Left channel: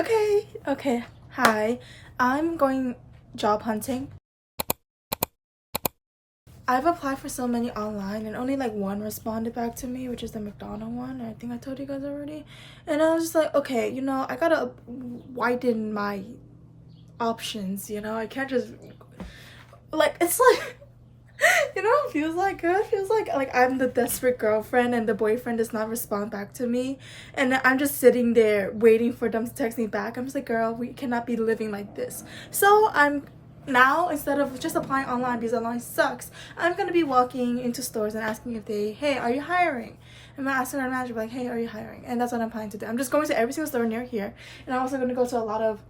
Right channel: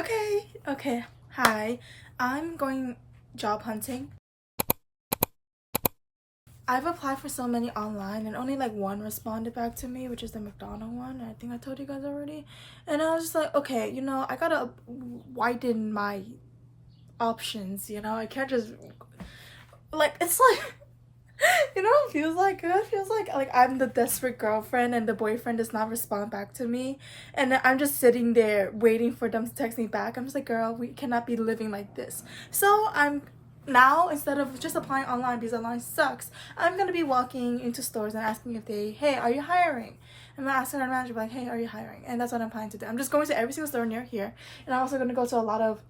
Okay. Hi. I'm going job hunting. I've applied for so many online and only like one responded back to me, which is the McDonald one. I think I told you guys already. And I was just like, okay, I gotta widen my options, I can't just like it's like what it feels like? It feels like I'm the desperate girlfriend and the boyfriend does not respond back to me, and then I'm just sitting there waiting for them to text me back. I'm just like, girl, we cannot be living like this. So I'm now, instead of just applying online because online sucks, I'm gonna be walking into stores and asking if hey, are you hiring? I'm gonna ask our manager like, hey, are you hiring? And that's what I'm planning to do. I'm just going to every single store near here, and I'm also gonna go to a lot of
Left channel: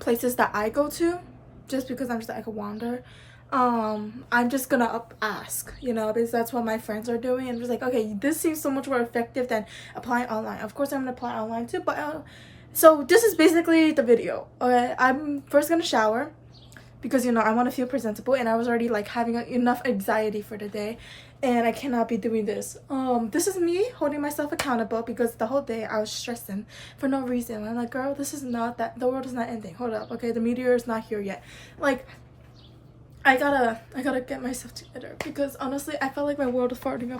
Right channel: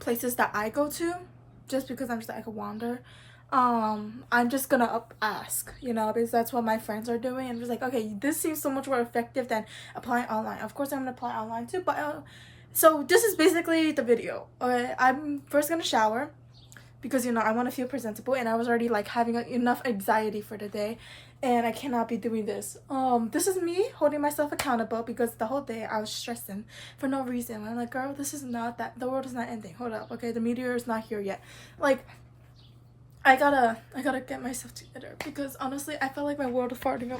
places that I go to just because I'm just like a wander. I'm just gonna ask, because that's what my friends are doing. I'm just like, okay, this seems so much more effective than applying online. Of course I'm gonna apply online too, but so this is basically the video. Okay, I'm first gonna shower because I want to feel presentable, and I was already like having enough anxiety for the day, and I cannot be doing this. This is me holding myself accountable because the whole day I was stressing for no reason. I'm like, girl, this is not that, the world is not ending. Hold up, okay, the meteor is not here yet. Like, I gotta get myself together because honestly I felt like my world was falling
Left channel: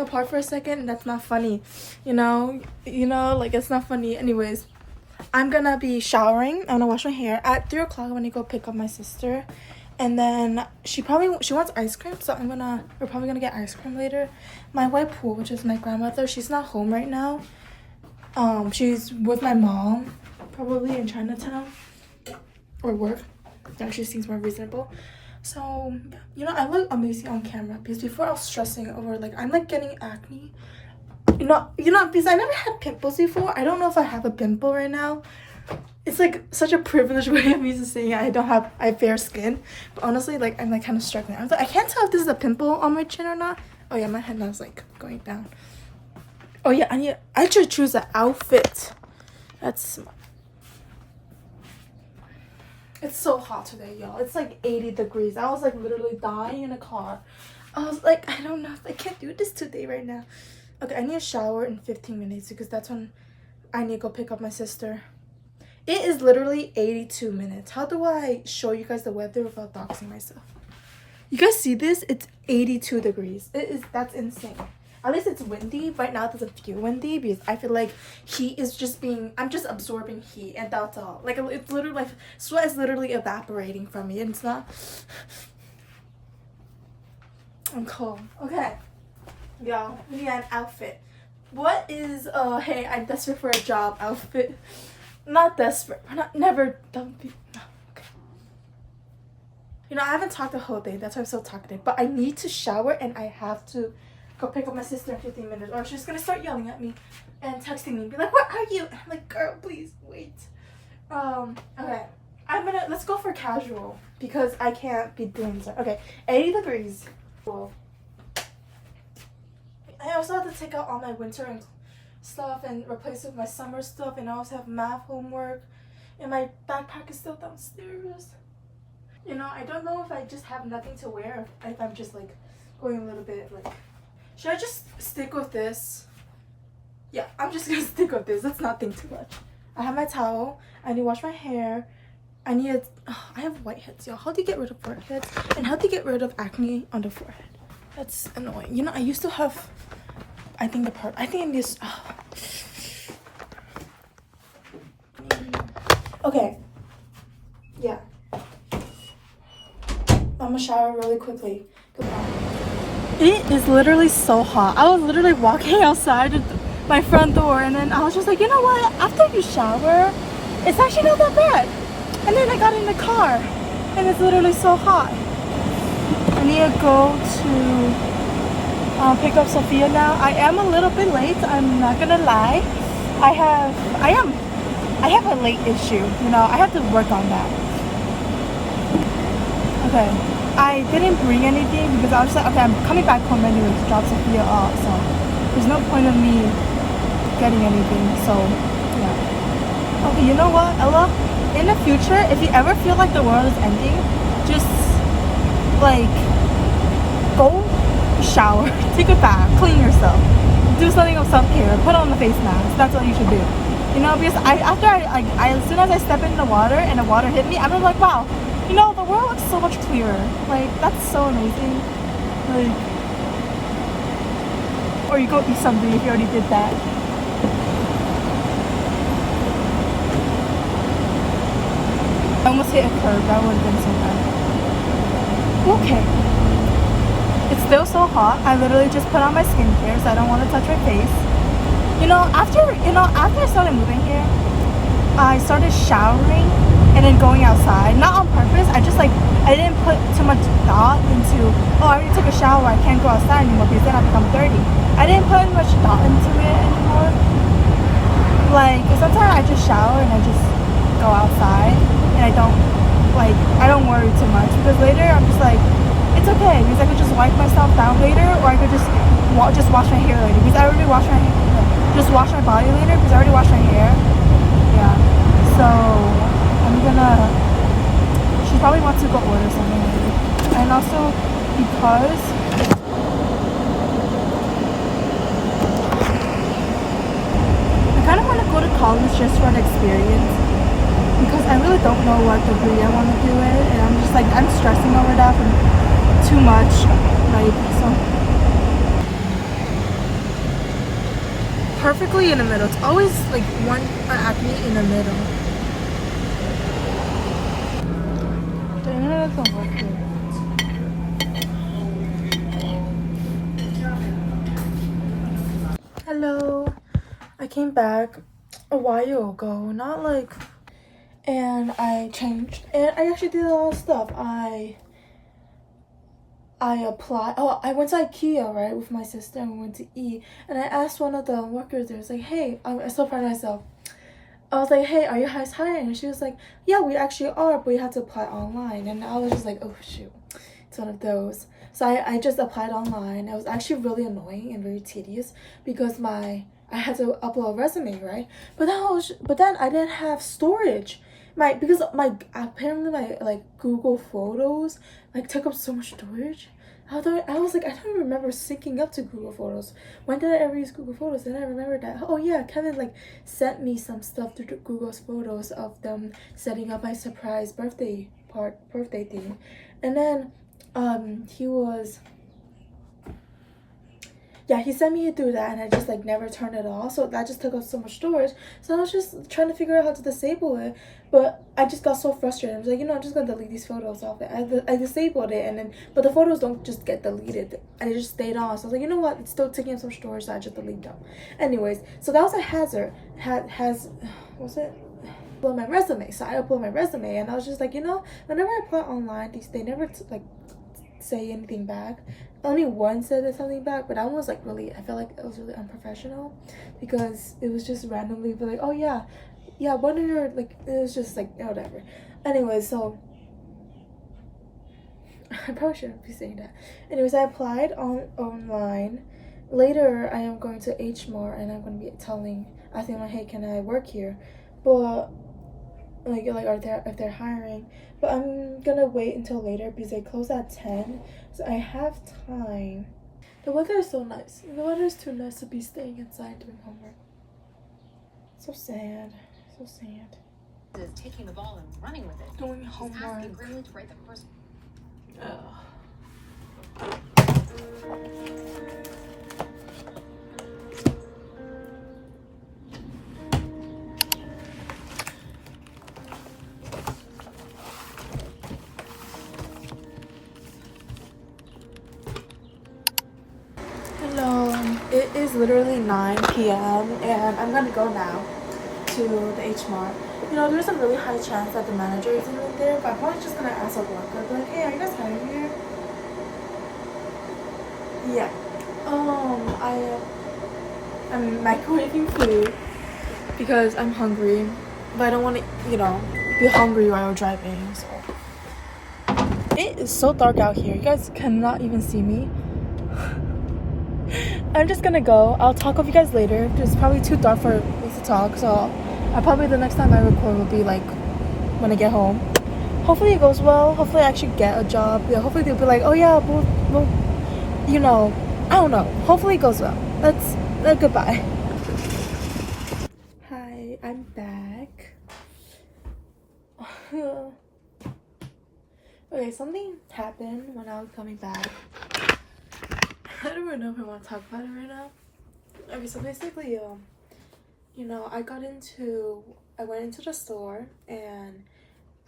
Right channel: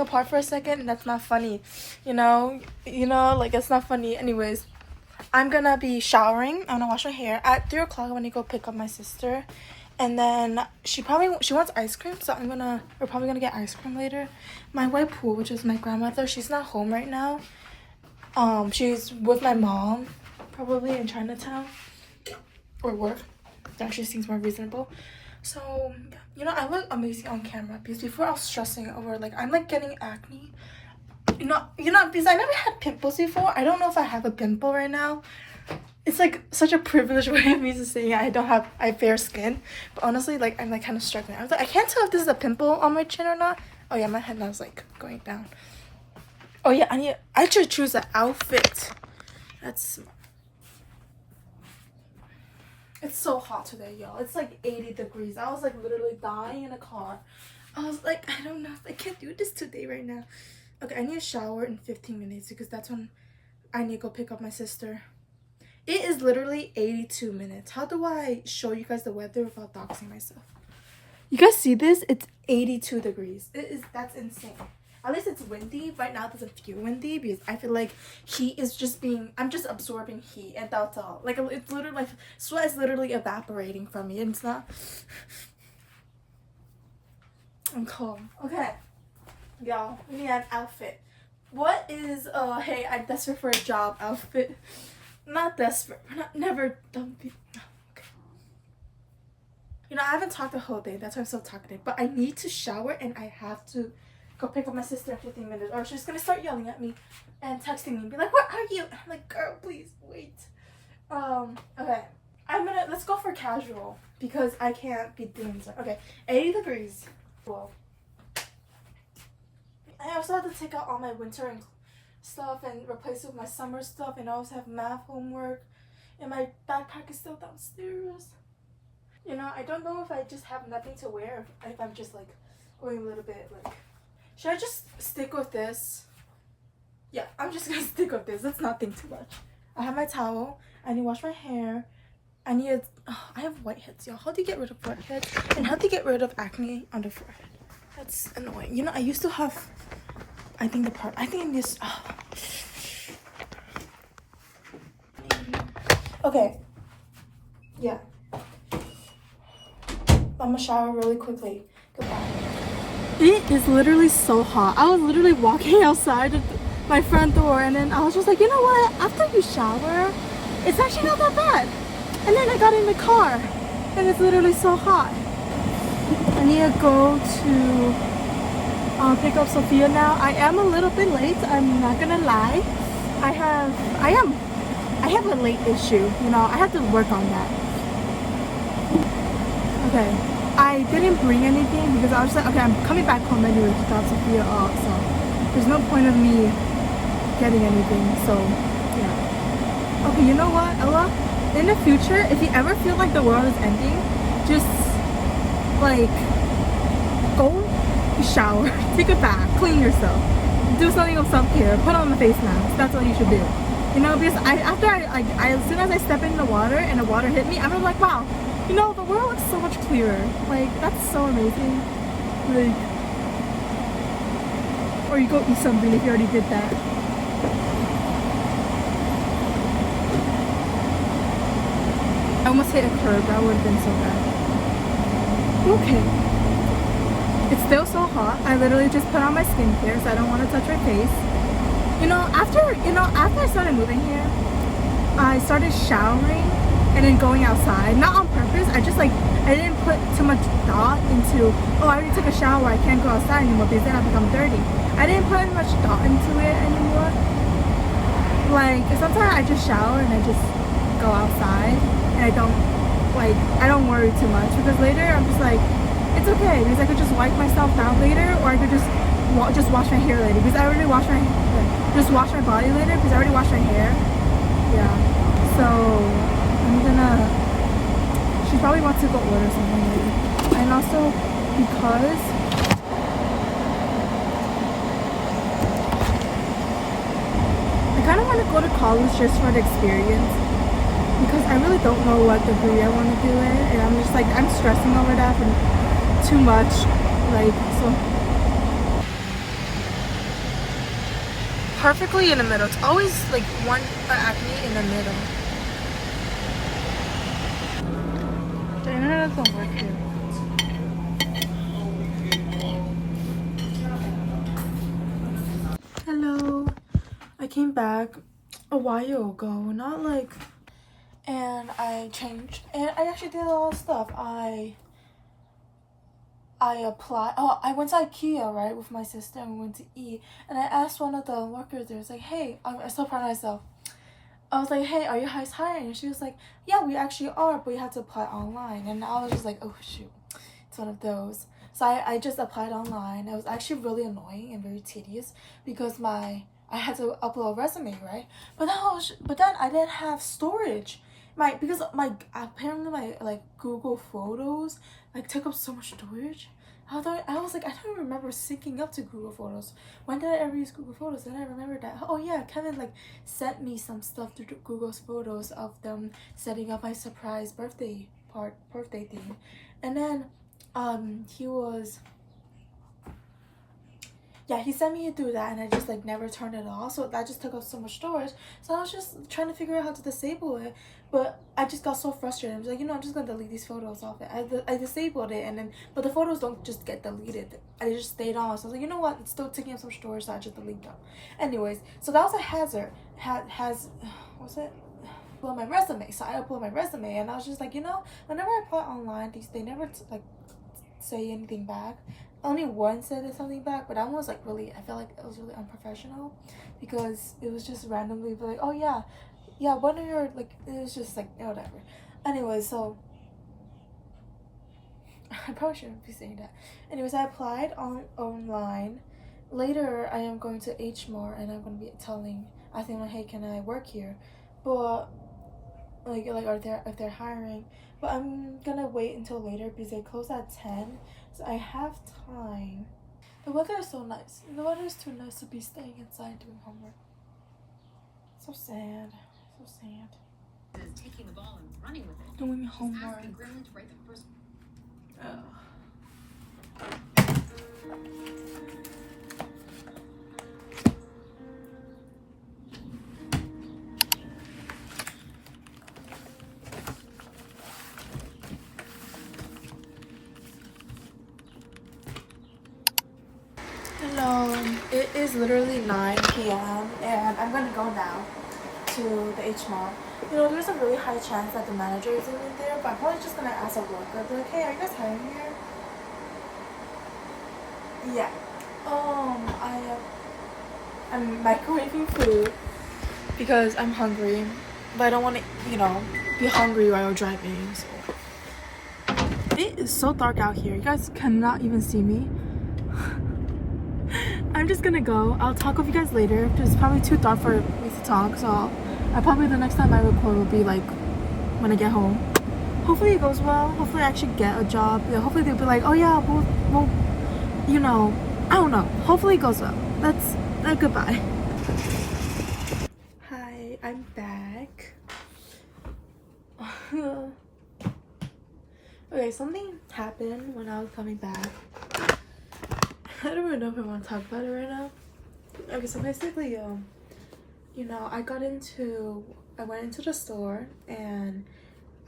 apart for a second, and that's not funny. Like, it's not funny. Anyways, I'm gonna be showering. I'm gonna wash my hair at 3 o'clock. I'm gonna go pick up my sister, and then she wants ice cream, so we're probably gonna get ice cream later. My white pool, which is my grandmother, she's not home right now. She's with my mom, probably in Chinatown or work. That she seems more reasonable. So I look amazing on camera because before I was stressing over like I'm like getting acne. Because I never had pimples before. I don't know if I have a pimple right now. It's like such a privileged way of me just saying I have fair skin. But honestly, like I'm like kind of struggling. I was like, I can't tell if this is a pimple on my chin or not. Oh yeah, my head now is like going down. Oh yeah, I should choose an outfit. That's smart. It's so hot today, y'all. It's like 80 degrees. I was like literally dying in the car. I was like, I don't know. I can't do this today right now. Okay, I need a shower in 15 minutes because that's when I need to go pick up my sister. It is literally 82 minutes. How do I show you guys the weather without doxing myself? You guys see this? It's 82 degrees. That's insane. At least it's windy. Right now it doesn't feel windy because I feel like heat is I'm just absorbing heat, and that's all. Like, it's literally like sweat is literally evaporating from me, and it's not. I'm cold. Okay, y'all, we need an outfit. What is hey, I'm desperate for a job outfit. Not desperate. Don't be. Okay. I haven't talked the whole day. That's why I'm so talkative. But I need to shower, and I have to go pick up my sister in 15 minutes, or she's gonna start yelling at me and texting me and be like, where are you? I'm like, girl, please wait. Okay, let's go for casual because I can't be doing this. Okay, 80 degrees. Cool. I also have to take out all my winter and stuff and replace it with my summer stuff, and I also have math homework, and my backpack is still downstairs. I don't know if I just have nothing to wear, if I'm just like going a little bit like, should I just stick with this? Yeah, I'm just gonna stick with this. Let's not think too much. I have my towel. I need to wash my hair. I have whiteheads, y'all. How do you get rid of whiteheads? And how do you get rid of acne on the forehead? That's annoying. I used to have, I think this. Okay. Yeah. I'm gonna shower really quickly. Goodbye. It is literally so hot. I was literally walking outside my front door, and then I was just like, you know what? After you shower, it's actually not that bad. And then I got in the car, and it's literally so hot. I need to go to pick up Sophia now. I am a little bit late. I'm not gonna lie. I have a late issue. I have to work on that. Okay. I didn't bring anything because I was like, okay, I'm coming back home anyway to drop Sophia off, so there's no point of me getting anything. So yeah. Okay, you know what, Ella? In the future, if you ever feel like the world is ending, just like go shower, take a bath, clean yourself, do something of self-care, put on a face mask. That's all you should do. You know, because as soon as I step in the water and the water hit me, I'm just like, wow, you know, the world looks so much clearer. Like, that's so amazing. Like, or you go eat something if you already did that. I almost hit a curb. That would have been so bad. Okay. It's still so hot. I literally just put on my skincare, so I don't want to touch my face. After I started moving here, I started showering and then going outside. Not on purpose. I didn't put too much thought into, oh, I already took a shower, I can't go outside anymore because then I'll become dirty. I didn't put much thought into it anymore. Like, sometimes I just shower and I just go outside and I don't worry too much because later I'm just like, it's okay because I could just wipe myself down later, or I could just wash my hair later because I already washed my hair. Just wash my body later because I already washed my hair. Yeah. So she probably wants to go order something later. And also because I kind of want to go to college just for the experience because I really don't know what degree I want to do it, and I'm just like, I'm stressing over that and too much. Like, so perfectly in the middle. It's always like one acne in the middle. The internet doesn't work here. Hello. I came back a while ago, not like, and I changed, and I actually did a lot of stuff. I applied. Oh, I went to Ikea, right, with my sister, and we went to eat. And I asked one of the workers there, I was like, hey, I'm so proud of myself. I was like, hey, are you guys hiring? And she was like, yeah, we actually are, but you have to apply online. And I was just like, oh, shoot. It's one of those. So I just applied online. It was actually really annoying and very tedious because I had to upload a resume, right? But then I didn't have storage. Apparently my Google Photos took up so much storage. I was like, I don't remember syncing up to Google Photos. When did I ever use Google Photos? Then I remembered that, oh yeah, Kevin sent me some stuff through Google's Photos of them setting up my surprise birthday thing. And then he sent me through that, and I just never turned it off, so that just took up so much storage. So I was just trying to figure out how to disable it, but I just got so frustrated. I was like, I'm just gonna delete these photos off it. I disabled it, but the photos don't just get deleted, they just stayed on. So I was like, you know what, it's still taking up some storage, so I just delete them. Anyways, so that was a hazard. What's it? Upload my resume. So I upload my resume, and I was just like, whenever I apply online, they never say anything back. Only one said something back, but that one was I felt like it was really unprofessional because it was just randomly like, oh yeah, what are your it was just whatever. Anyway, so I probably shouldn't be saying that. Anyways, I applied online. Later, I am going to HMart and I'm going to be asking like, hey, can I work here? But if they're hiring, but I'm gonna wait until later because they close at 10, so I have time. The weather is so nice. The weather is too nice to be staying inside doing homework. So sad. Taking the ball and running with it. Doing homework. Hello, it is literally 9 p.m. and I'm gonna go now to the H Mart. There's a really high chance that the manager isn't in there, but I'm probably just gonna ask a worker, be like, hey, are you guys hiring here? Yeah. I'm microwaving food because I'm hungry, but I don't want to, be hungry while I'm driving. So it is so dark out here. You guys cannot even see me. I'm just gonna go. I'll talk with you guys later. It's probably too dark for me to talk, so the next time I record will be when I get home. Hopefully it goes well. Hopefully I actually get a job. Yeah, hopefully they'll be like, oh yeah, well, I don't know. Hopefully it goes well. Goodbye. Hi, I Okay, something happened when I was coming back. I don't even know if I want to talk about it right now. Okay, so basically, you know, I went into the store and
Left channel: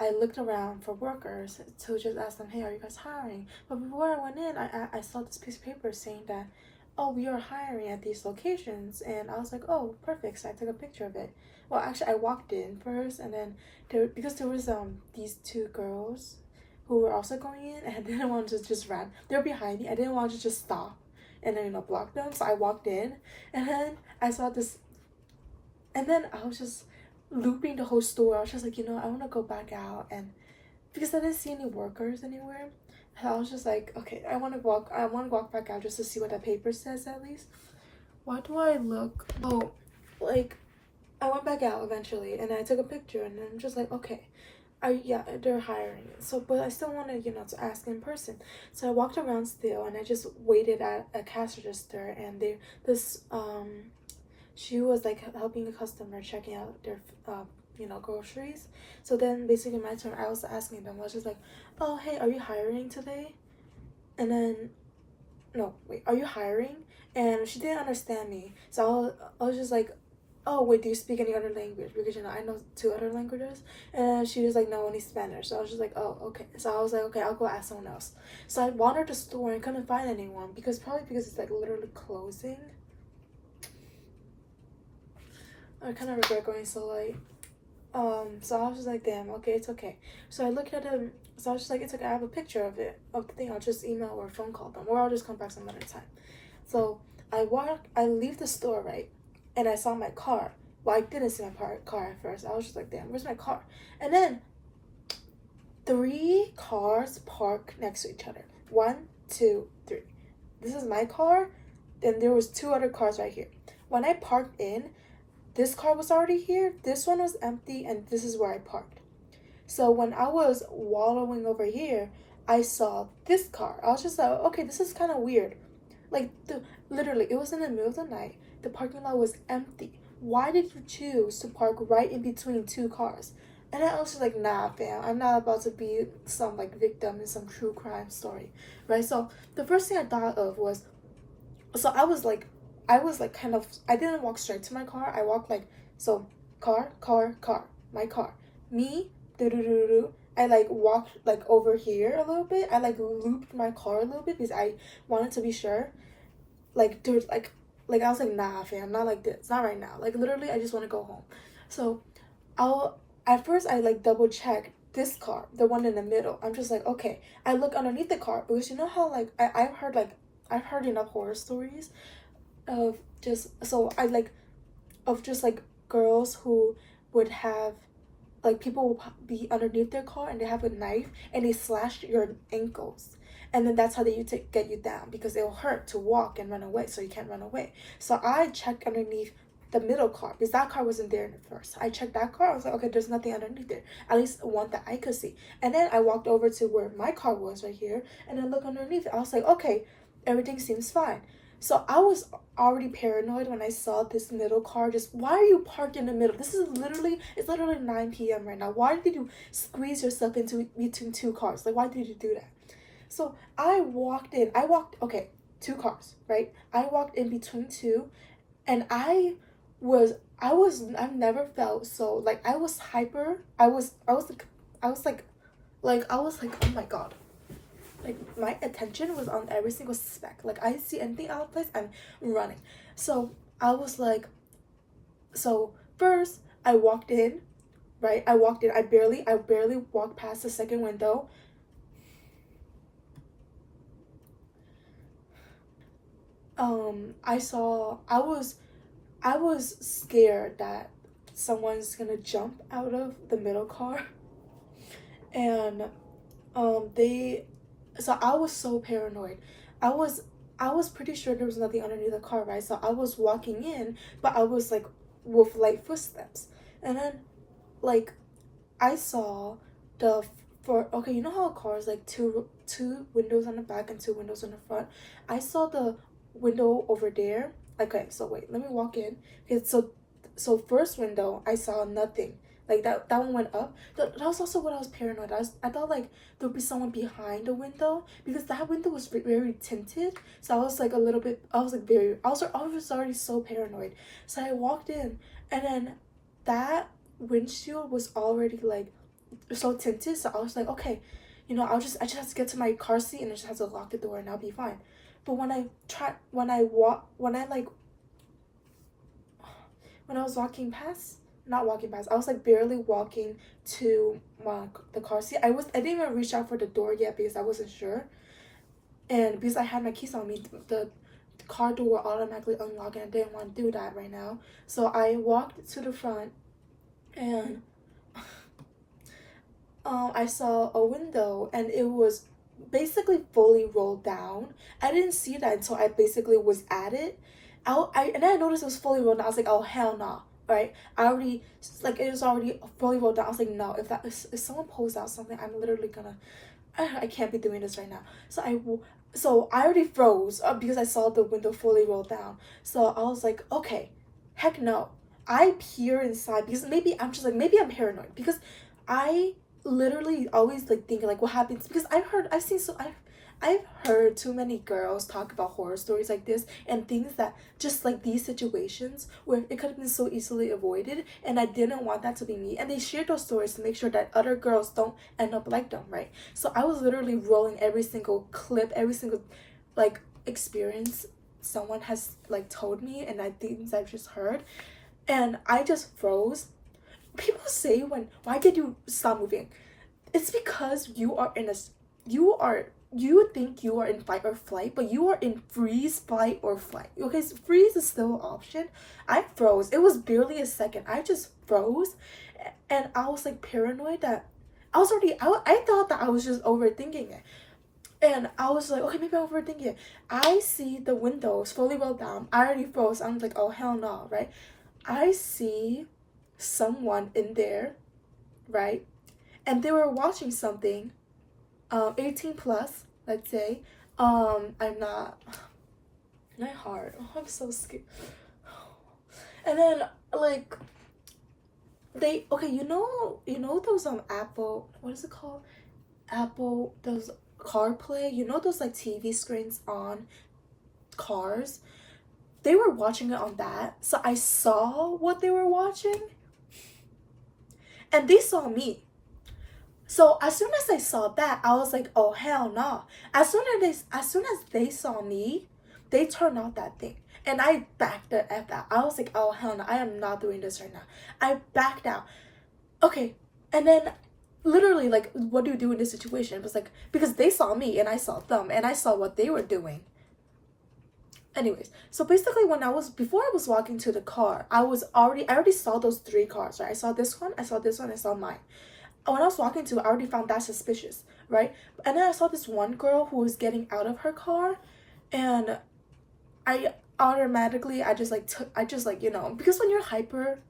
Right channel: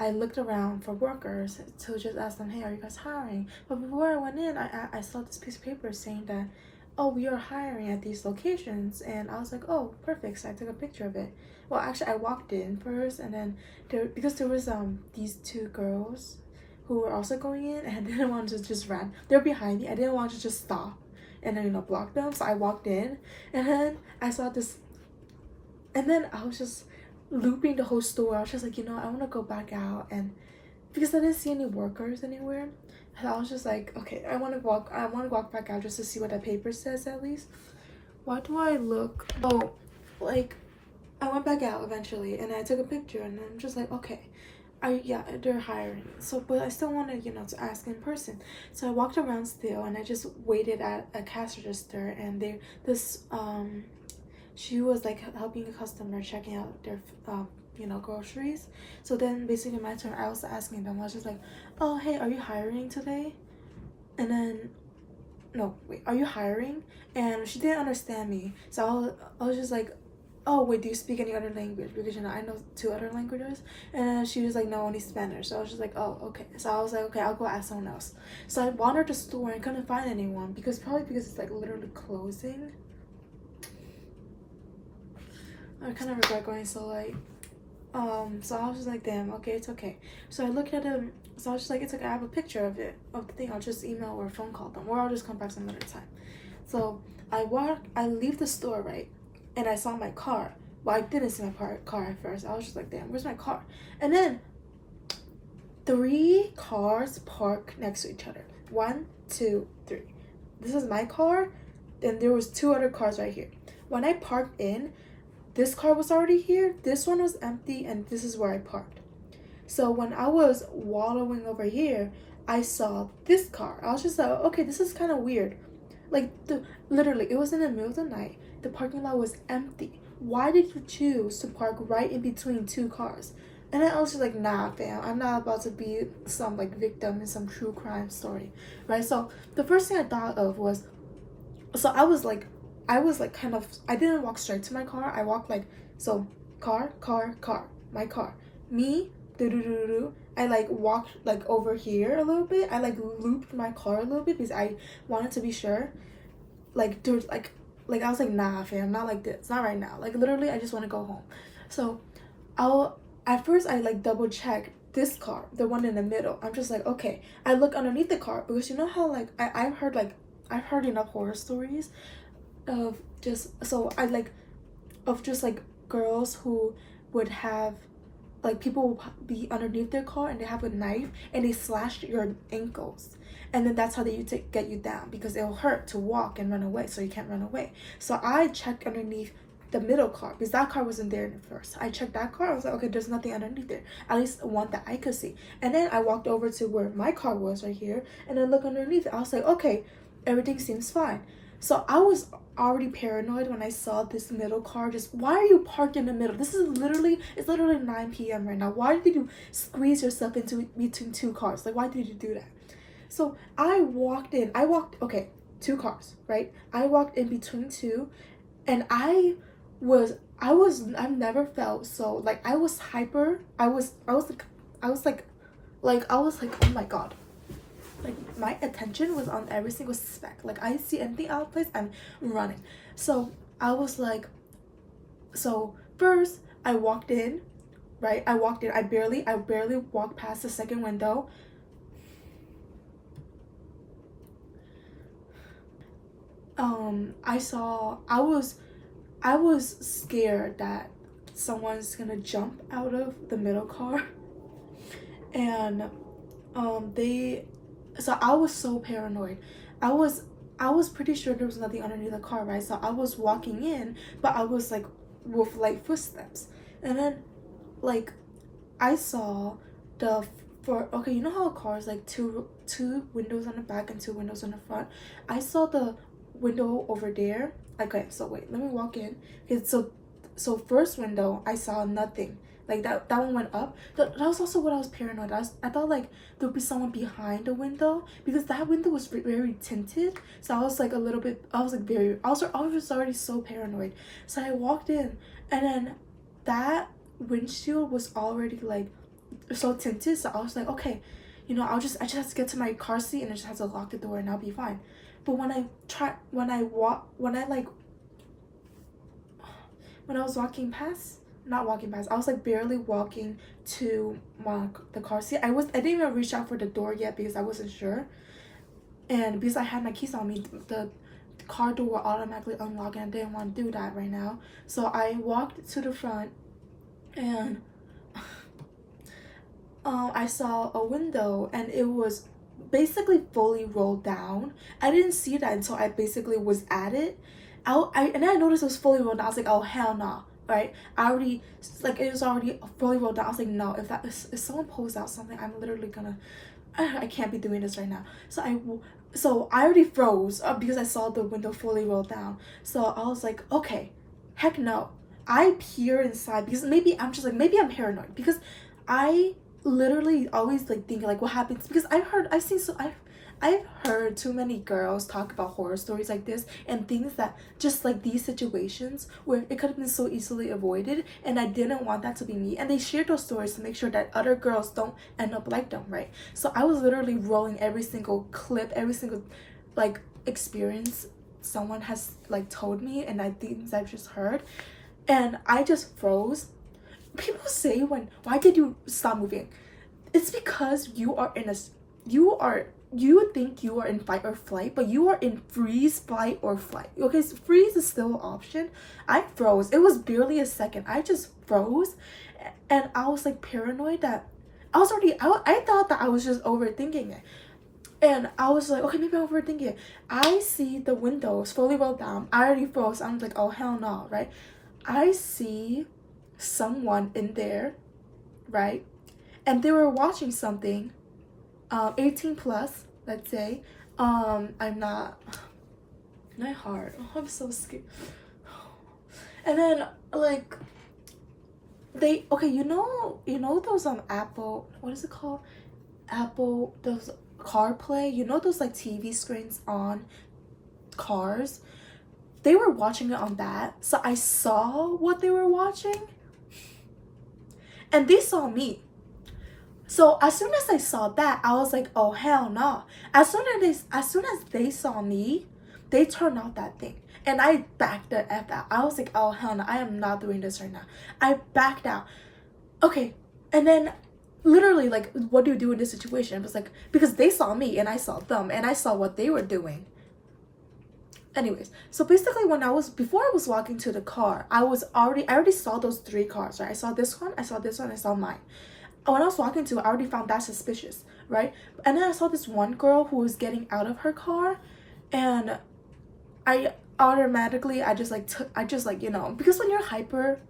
I looked around for workers to just ask them, hey, are you guys hiring? But before I went in, I saw this piece of paper saying that, oh, we are hiring at these locations. And I was like, oh, perfect. So I took a picture of it. Well, actually, I walked in first, and then because there was these two girls who were also going in, and I didn't want to just run. They were behind me. I didn't want to just stop and then, you know, block them. So I walked in, and then I saw this, and then I was just looping the whole store. I was just like, you know, I want to go back out, and because I didn't see any workers anywhere, I was just like, okay, I want to walk back out just to see what that paper says at least. Why do I look? Oh, like, I went back out eventually, and I took a picture, and I'm just like, okay, yeah, they're hiring. So, but I still wanted, you know, to ask in person. So I walked around still, and I just waited at a cash register, and she was like helping a customer checking out their you know, groceries. So then basically my turn, I was asking them, I was just like, oh, hey, are you hiring today? And then, no, wait, are you hiring? And she didn't understand me. So I was just like, oh, wait, do you speak any other language? Because, you know, I know 2 other languages. And she was like, no, only Spanish. So I was just like, oh, okay. So I was like, okay, I'll go ask someone else. So I wandered the store and couldn't find anyone because it's like literally closing. I kind of regret going so late. So I was just like, damn, okay, it's okay. So I looked at him. So I was just like, it's okay. I have a picture of it, of the thing. I'll just email or phone call them, or I'll just come back some other time. So I leave the store, right? And I saw my car. Well, I didn't see my car at first. I was just like, damn, where's my car? And then 3 cars parked next to each other. 1, 2, 3. This is my car. Then there was 2 other cars right here. When I parked in, this car was already here, this one was empty, and this is where I parked. So when I was wallowing over here, I saw this car. I was just like, okay, this is kind of weird. Like, literally, it was in the middle of the night. The parking lot was empty. Why did you choose to park right in between 2 cars? And I was just like, nah, fam, I'm not about to be some, like, victim in some true crime story, right? So the first thing I thought of was, so I was like kind of, I didn't walk straight to my car. I walked like, so car, my car, me, I like walked like over here a little bit. I like looped my car a little bit because I wanted to be sure. Like, dude, like I was like, nah, fam, not like this, not right now. Like, literally, I just want to go home. So at first I like double checked this car, the one in the middle. I'm just like, okay. I look underneath the car because you know how like I've heard enough horror stories of just girls who would have, like, people will be underneath their car and they have a knife and they slash your ankles, and then that's how they get you down because it'll hurt to walk and run away, so you can't run away. So I checked underneath the middle car because that car wasn't there at first. I checked that car. I was like, okay, there's nothing underneath there, at least one that I could see. And then I walked over to where my car was right here, and then look underneath it. I was like, okay, everything seems fine. So I was already paranoid when I saw this middle car. Just, why are you parked in the middle? It's literally 9 p.m. right now. Why did you squeeze yourself into between 2 cars? Like, why did you do that? So I walked in. Okay, 2 cars, right? I walked in between 2, and I've never felt so, like, I was hyper. I was like, oh my God. Like, my attention was on every single speck. Like, I see anything out of place, I'm running. So I was like, so first I walked in, right? I barely walked past the second window. I was scared that someone's gonna jump out of the middle car. And so I was so paranoid. I was pretty sure there was nothing underneath the car, right? So I was walking in, but I was like with light footsteps. And then like I saw okay, you know how a car is like two windows on the back and 2 windows on the front? I saw the window over there. Okay, so wait, let me walk in. Okay, so first window, I saw nothing. like that one went up. That was also what I was paranoid. I thought like there would be someone behind the window, because that window was very tinted. So I was like a little bit, I was already so paranoid. So I walked in, and then that windshield was already like so tinted. So I was like, okay, you know, I just have to get to my car seat, and I just have to lock the door, and I'll be fine. But when I was walking past, not walking past, I was like barely walking to the car seat. I didn't even reach out for the door yet because I wasn't sure, and because I had my keys on me, the car door will automatically unlock, and I didn't want to do that right now. So I walked to the front, and I saw a window, and it was basically fully rolled down. I didn't see that until I basically was at it. And then I noticed it was fully rolled down. I was like, oh hell no, right? I already, like, it was already fully rolled down. I was like, no, if someone pulls out something, I'm literally gonna, I can't be doing this right now. So I already froze because I saw the window fully rolled down. So I was like, okay, heck no. I peer inside because maybe I'm paranoid, because I literally always like think like what happens, because I've heard too many girls talk about horror stories like this, and things that just like these situations where it could have been so easily avoided, and I didn't want that to be me. And they shared those stories to make sure that other girls don't end up like them, right? So I was literally rolling every single clip, every single like experience someone has like told me, and things I've just heard, and I just froze. People say, why did you stop moving? It's because you think you are in fight or flight, but you are in freeze, fight, or flight. Okay, so freeze is still an option. I froze. It was barely a second. I just froze, and I was like paranoid that I thought that I was just overthinking it. And I was like, okay, maybe I'm overthinking it. I see the windows fully rolled down. I already froze. I'm like, oh hell no, right? I see someone in there, right? And they were watching something, 18 plus, let's say. I'm not my heart. Oh, I'm so scared. And then like you know those Apple, what is it called? Apple, those CarPlay, you know those like TV screens on cars? They were watching it on that. So I saw what they were watching, and they saw me. So as soon as I saw that, I was like, oh hell no. As soon as they saw me, they turned off that thing. And I backed the F out. I was like, oh hell no, I am not doing this right now. I backed out. Okay. And then literally, like, what do you do in this situation? It was like, because they saw me and I saw them, and I saw what they were doing. Anyways, so basically before I was walking to the car, I already saw those 3 cars, right? I saw this one, I saw this one, I saw mine. When I was walking to it, I already found that suspicious, right? And then I saw this one girl who was getting out of her car, and I just like, you know, because when you're hyper,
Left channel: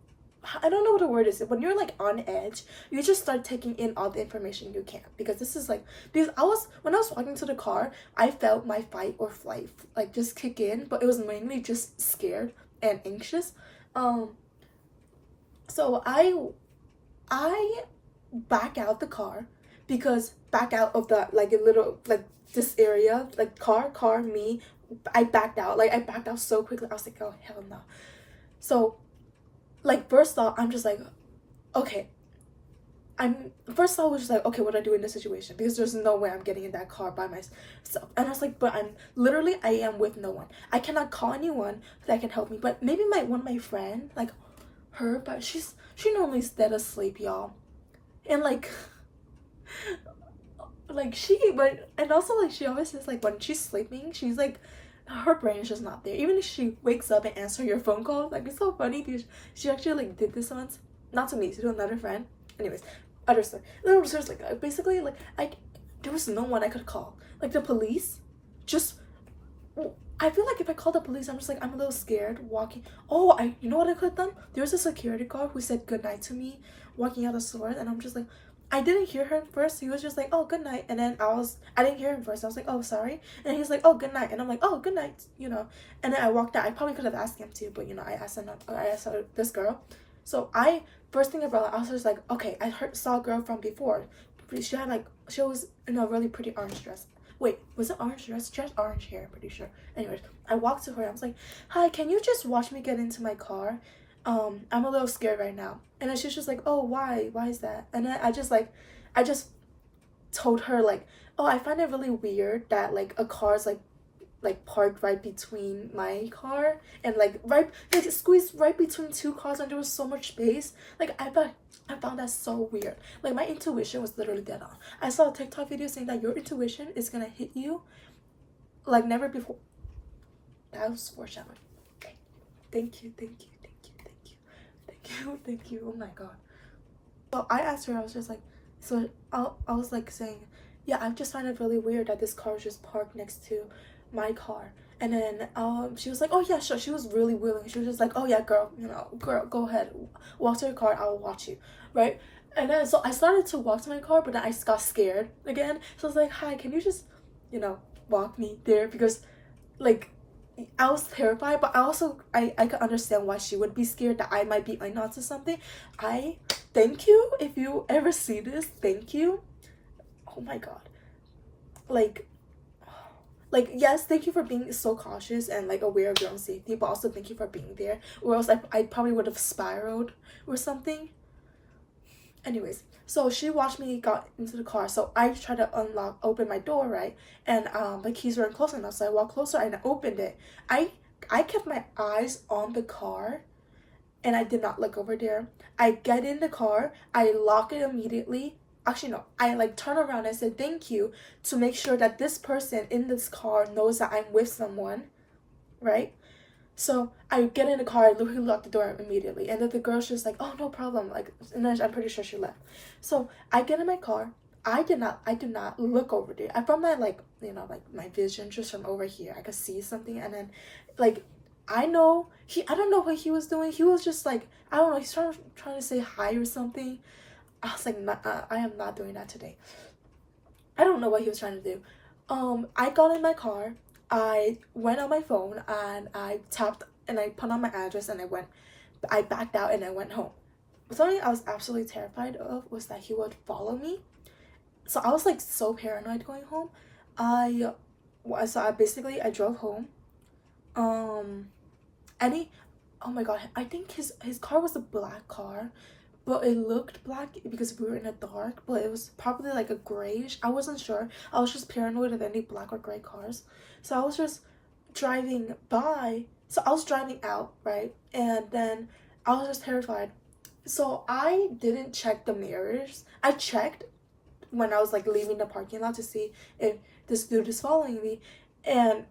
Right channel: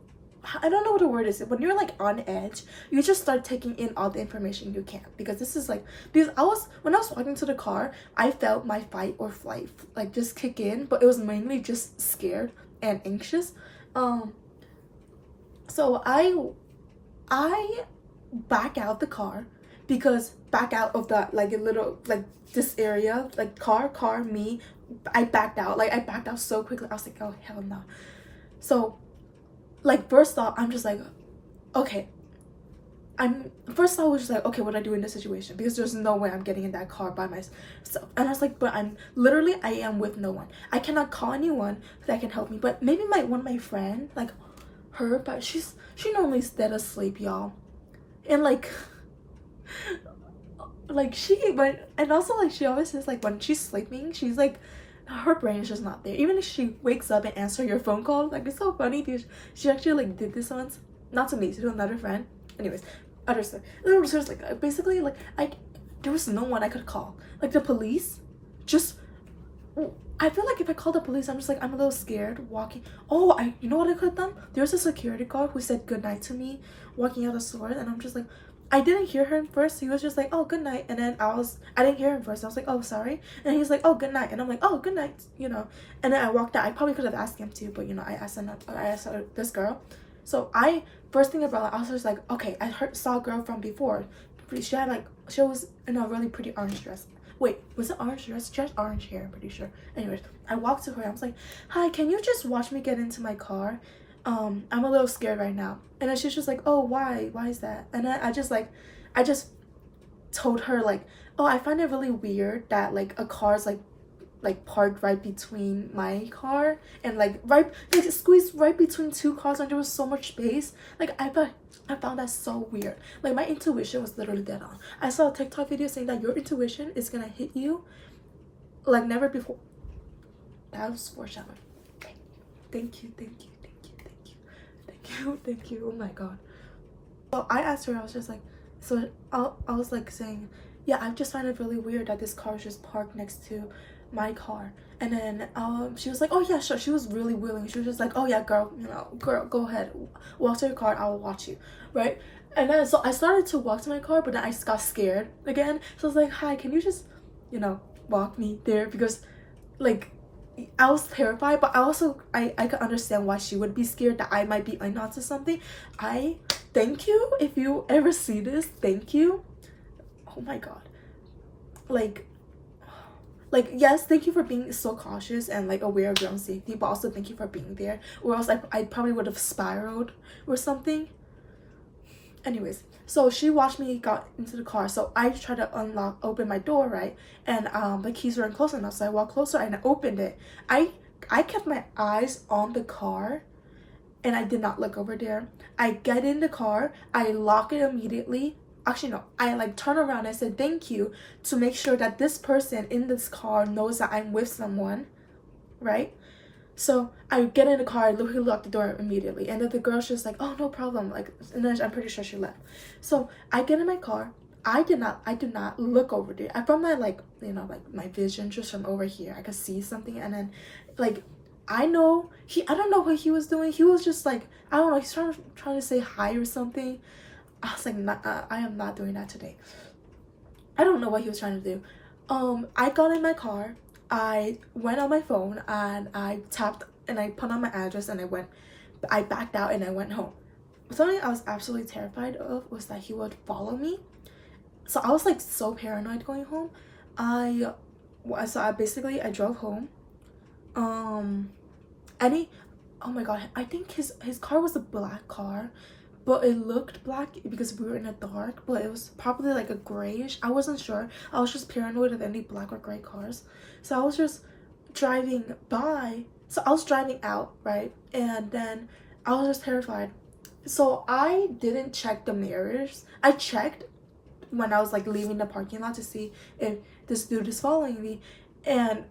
I don't know what the word is, when you're like on edge, you just start taking in all the information you can, because this is like, because when I was walking to the car, I felt my fight or flight like just kick in, but it was mainly just scared and anxious. So I back out the car, because back out of the like a little like this area, like car me, I backed out so quickly. I was like, oh hell no. So like first thought, I'm just like, okay, first thought was just like, okay, what do I do in this situation, because there's no way I'm getting in that car by myself. And I was like, but I am with no one. I cannot call anyone that can help me, but maybe one of my friend, like her, but she normally dead asleep, y'all. And like and also like she always says like when she's sleeping, she's like, her brain is just not there. Even if she wakes up and answers your phone call, like it's so funny because she actually like did this once, not to me, to another friend. Anyways, other stuff. Like basically like there was no one I could call. Like the police, just I feel like if I called the police, I'm a little scared walking. Oh, you know what I could have done? There was a security guard who said goodnight to me walking out of stores, and I'm just like, I didn't hear him first. He was just like, oh, good night. And then I didn't hear him first. I was like, oh, sorry. And he was like, oh, good night. And I'm like, oh, good night, you know. And then I walked out. I probably could have asked him to, but, you know, I asked this girl. So I first thing about it, I was just like, okay, saw a girl from before. She had like, she was in a really pretty orange dress. Wait, was it orange dress? She had orange hair, I'm pretty sure. Anyways, I walked to her. I was like, hi, can you just watch me get into my car? I'm a little scared right now. And then she's just like, oh, why? Why is that? And then I just told her like, oh, I find it really weird that like a car's like parked right between my car and like squeezed right between two cars, and there was so much space. Like I found that so weird. Like my intuition was literally dead on. I saw a TikTok video saying that your intuition is gonna hit you like never before. That was foreshadowing. Thank you. Oh my god. So I asked her, I was just like, so I was like saying, yeah, I just find it really weird that this car is just parked next to my car. And then she was like, oh yeah, sure. She was really willing. She was just like, oh yeah, girl, girl, go ahead, walk to your car, I will watch you, right? And then so I started to walk to my car, but then I got scared again. So I was like, hi, can you just walk me there? Because like I was terrified, but I could understand why she would be scared, that I might be onto something. I thank you if you ever see this. Thank you. Oh my god. Like yes, thank you for being so cautious and like aware of your own safety, but also thank you for being there, or else I probably would have spiraled or something. Anyways, so she watched me got into the car, so I tried to open my door, right? And the keys weren't close enough, so I walked closer and I opened it. I kept my eyes on the car and I did not look over there. I get in the car, I lock it immediately. Actually no, I like turn around and said thank you to make sure that this person in this car knows that I'm with someone, right? So I get in the car, I literally lock the door immediately, and then the girl's just like, oh, no problem, like, and then I'm pretty sure she left. So I get in my car. I did not look over there. From my like my vision, just from over here, I could see something. And then like I don't know what he was doing. He was just like, I don't know, he's trying to say hi or something. I was like, I am not doing that today. I don't know what he was trying to do. I got in my car, I went on my phone and I tapped and I put on my address and I backed out and I went home. Something I was absolutely terrified of was that he would follow me. So I was like so paranoid going home. I drove home. Oh my god, I think his car was a black car, but it looked black because we were in the dark, but it was probably like a grayish. I wasn't sure. I was just paranoid of any black or gray cars. So I was just driving by. So I was driving out, right? And then I was just terrified. So I didn't check the mirrors. I checked when I was like leaving the parking lot to see if this dude is following me. And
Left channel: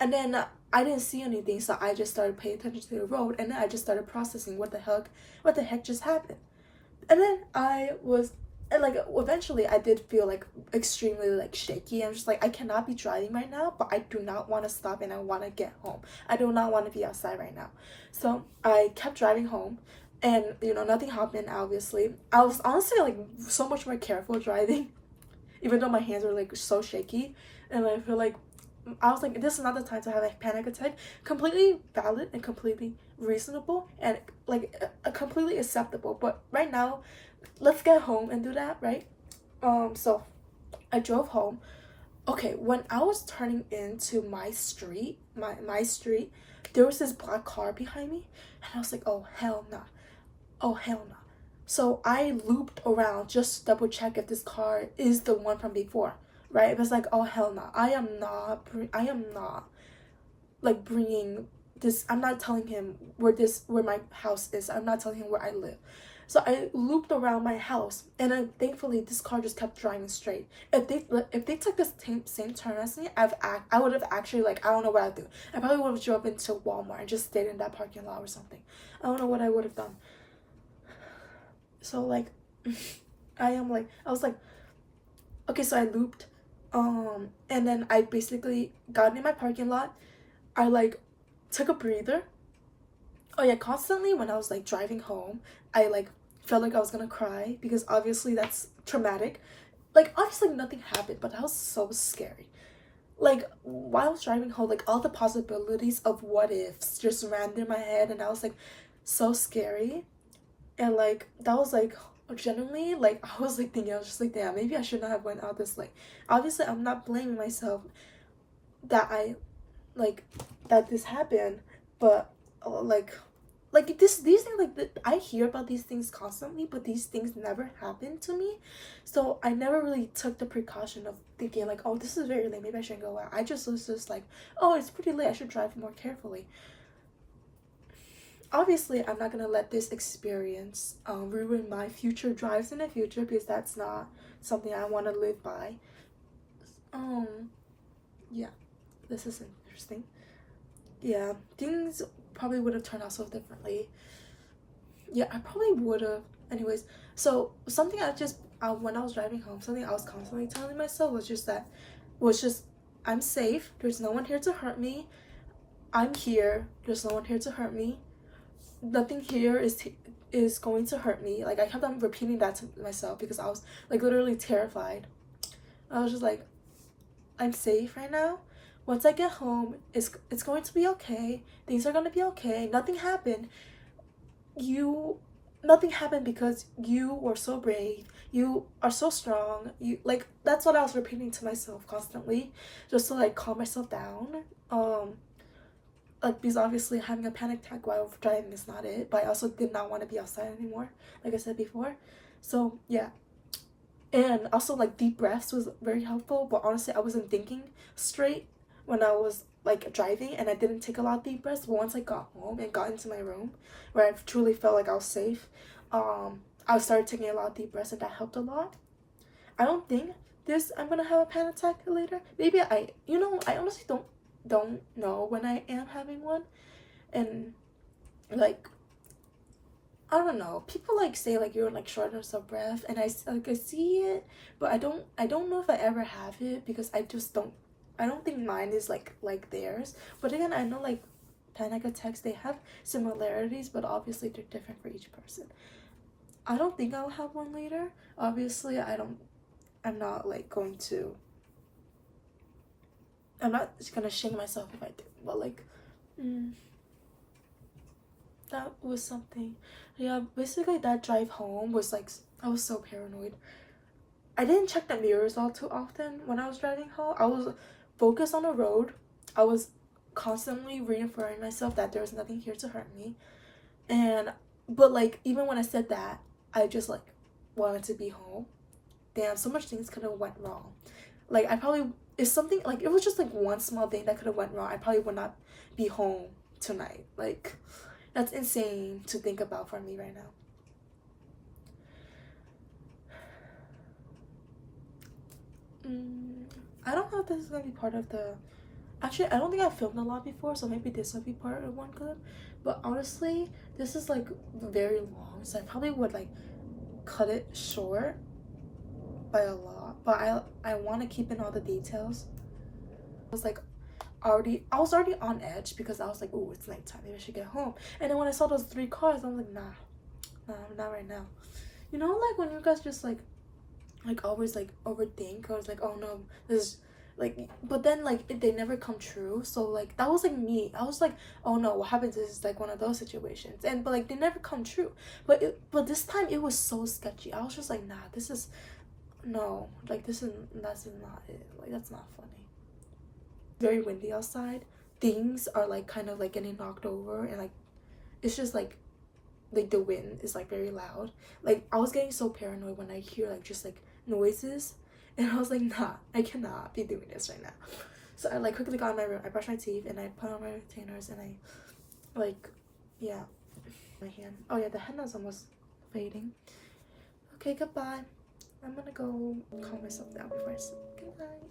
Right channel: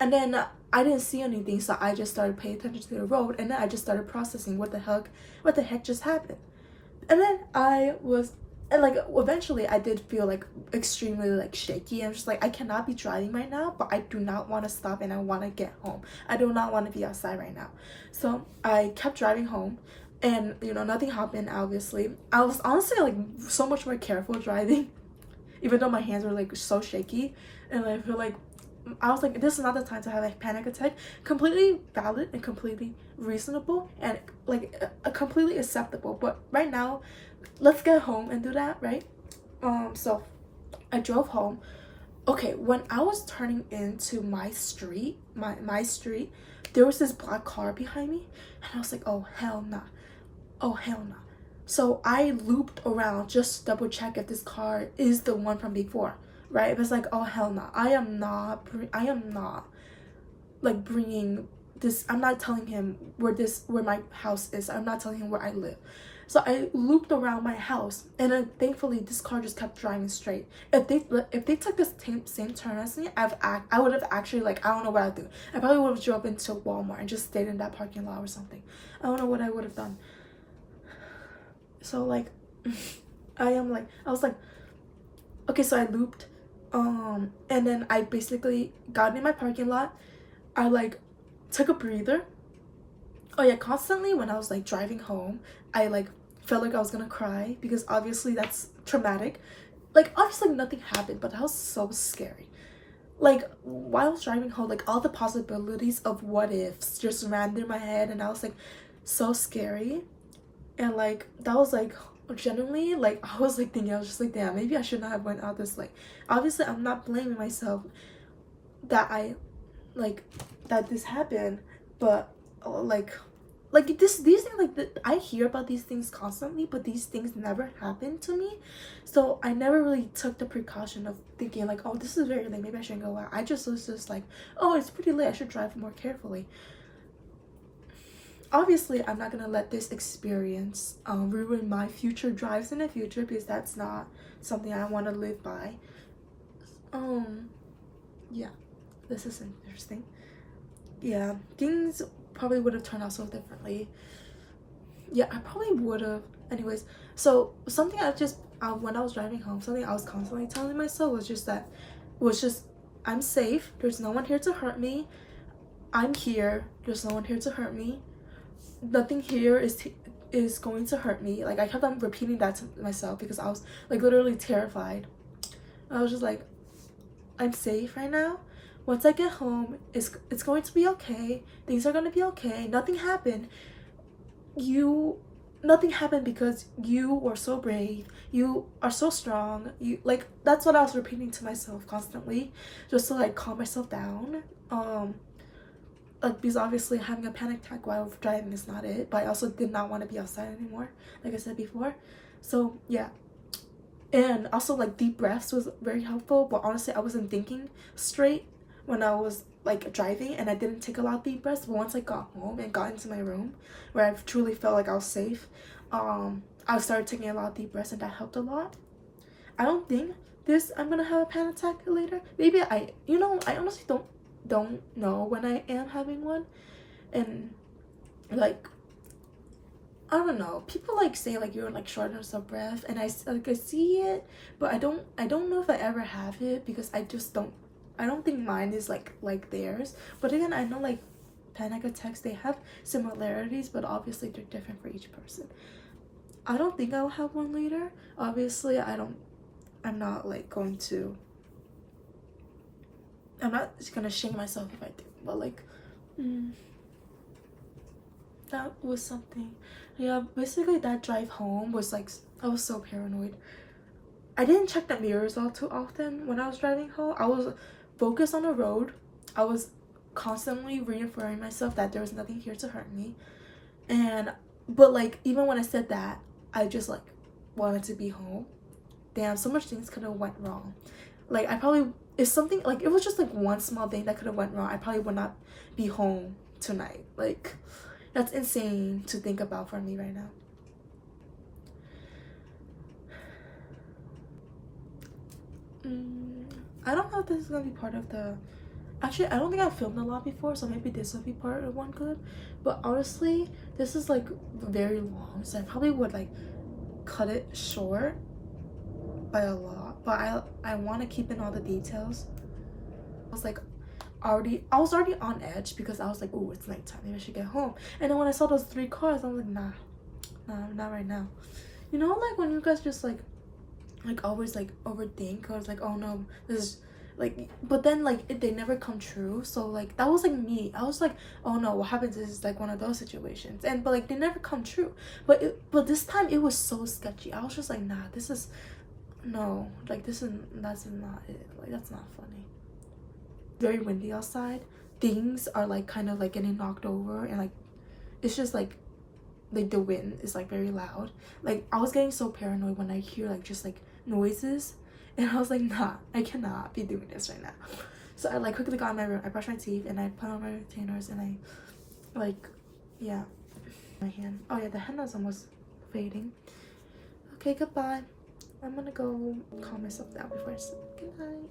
then I didn't see anything, so I just started paying attention to the road, and then I just started processing what the heck just happened. And then eventually I did feel like extremely like shaky. I'm just like, I cannot be driving right now, but I do not want to stop and I want to get home. I do not want to be outside right now. So I kept driving home, and nothing happened. Obviously I was honestly like so much more careful driving, even though my hands were like so shaky. And I feel like I was like, this is not the time to have a panic attack. Completely valid and completely reasonable and like completely acceptable. But right now, let's get home and do that, right? So I drove home. Okay, when I was turning into my street, my street, there was this black car behind me, and I was like, oh hell nah, oh hell nah. So I looped around just to double check if this car is the one from before. Right? It was like, oh hell no, I am not like bringing this. I'm not telling him where my house is. I'm not telling him where I live. So I looped around my house, and then thankfully this car just kept driving straight. If they took the same turn as me, I would have actually, like, I don't know what I'd do. I probably would have drove into Walmart and just stayed in that parking lot or something. I don't know what I would have done. So like I was like, okay, so I looped. And then I basically got in my parking lot. I like took a breather. Oh yeah, constantly when I was like driving home, I like felt like I was gonna cry because obviously that's traumatic. Like obviously nothing happened, but that was so scary. Like while I was driving home, like all the possibilities of what ifs just ran through my head, and I was like so scary. And like that was like genuinely like I was like thinking, I was just like, damn, maybe I should not have went out this late. Obviously I'm not blaming myself that I like that this happened, but like these things like I hear about these things constantly, but these things never happen to me. So I never really took the precaution of thinking like, oh, this is very late, maybe I shouldn't go out. I just was just like, oh, it's pretty late, I should drive more carefully. Obviously I'm not gonna let this experience ruin my future drives in the future, because that's not something I want to live by. Yeah, this is interesting. Yeah, things probably would have turned out so differently. Yeah, I probably would have. Anyways, so something I just when I was driving home, something I was constantly telling myself was just I'm safe, there's no one here to hurt me. I'm here, there's no one here to hurt me. Nothing here is going to hurt me. Like I kept on repeating that to myself because I was like literally terrified. I was just like, I'm safe right now. Once I get home, it's going to be okay. Things are gonna be okay. Nothing happened. Nothing happened because you were so brave. You are so strong. You like that's what I was repeating to myself constantly, just to like calm myself down. Like because obviously having a panic attack while driving is not it, but I also did not want to be outside anymore, like I said before. So yeah. And also like deep breaths was very helpful, but honestly I wasn't thinking straight when I was like driving, and I didn't take a lot of deep breaths. But once I got home and got into my room where I truly felt like I was safe, I started taking a lot of deep breaths, and that helped a lot. I don't think I'm gonna have a panic attack later. Maybe I honestly don't know when I am having one. And like I don't know, people like say like you're like shortness of breath, and I see it, but I don't know if I ever have it, because I don't think mine is like theirs. But again, I know like panic attacks, they have similarities, but obviously they're different for each person. I don't think I'll have one later. Obviously I'm not like going to, I'm not gonna shame myself if I do, but like that was something. Yeah, basically that drive home was like, I was so paranoid. I didn't check the mirrors all too often when I was driving home. I was focused on the road. I was constantly reaffirming myself that there was nothing here to hurt me. But like even when I said that, I just like wanted to be home. Damn, so much things could have went wrong. Like if something like it was just like one small thing that could have went wrong, I probably would not be home tonight. Like that's insane to think about for me right now. I don't know if this is gonna be part of the, actually I don't think I've filmed a lot before, so maybe this will be part of one clip. But honestly this is like very long, so I probably would like cut it short by a lot, but I want to keep in all the details. I was already on edge because I was like, oh, it's nighttime, maybe I should get home. And then when I saw those 3 cars, I was like, nah, not right now. You know, like when you guys just like always like overthink, or it's like, oh no, this is like, but then like they never come true. So like that was like me. I was like, oh no, what happens is like one of those situations, but like they never come true. But this time it was so sketchy. I was just like, nah, this is no, like that's not it. Like that's not funny. Very windy outside. Things are like kind of like getting knocked over, and like it's just like the wind is like very loud. Like I was getting so paranoid when I hear like just like noises, and I was like, nah, I cannot be doing this right now. So I like quickly got in my room, I brushed my teeth, and I put on my retainers, and I like, yeah, my hand. Oh yeah, the henna's almost fading. Okay, goodbye. I'm gonna go calm myself down before I sleep. Good night.